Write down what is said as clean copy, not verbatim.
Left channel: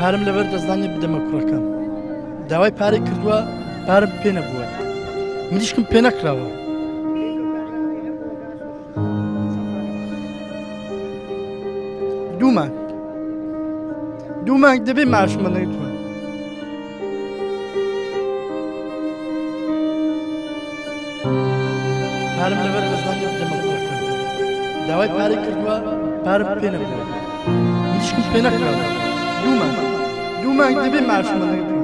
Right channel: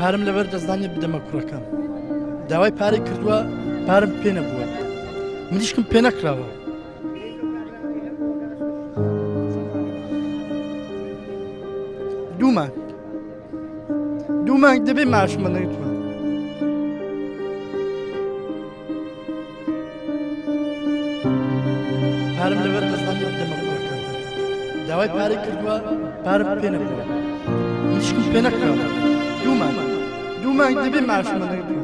پارم لەبەر دەستدانی بدەمە کوڕەکەم داوای پارەی کردووە پارم پێ نەبووە منیشکم پێ نەکراوە دوو مانگ دەبێ ماشمە نەیتوە پارم لەبەر دەستدانی بدەمە کوڕەکەم داوای پارەی کردووە پارم پێ نەبووە منیشکم پێ نەکراوە دوو مانگ دەبێ ماشمە نەیتوە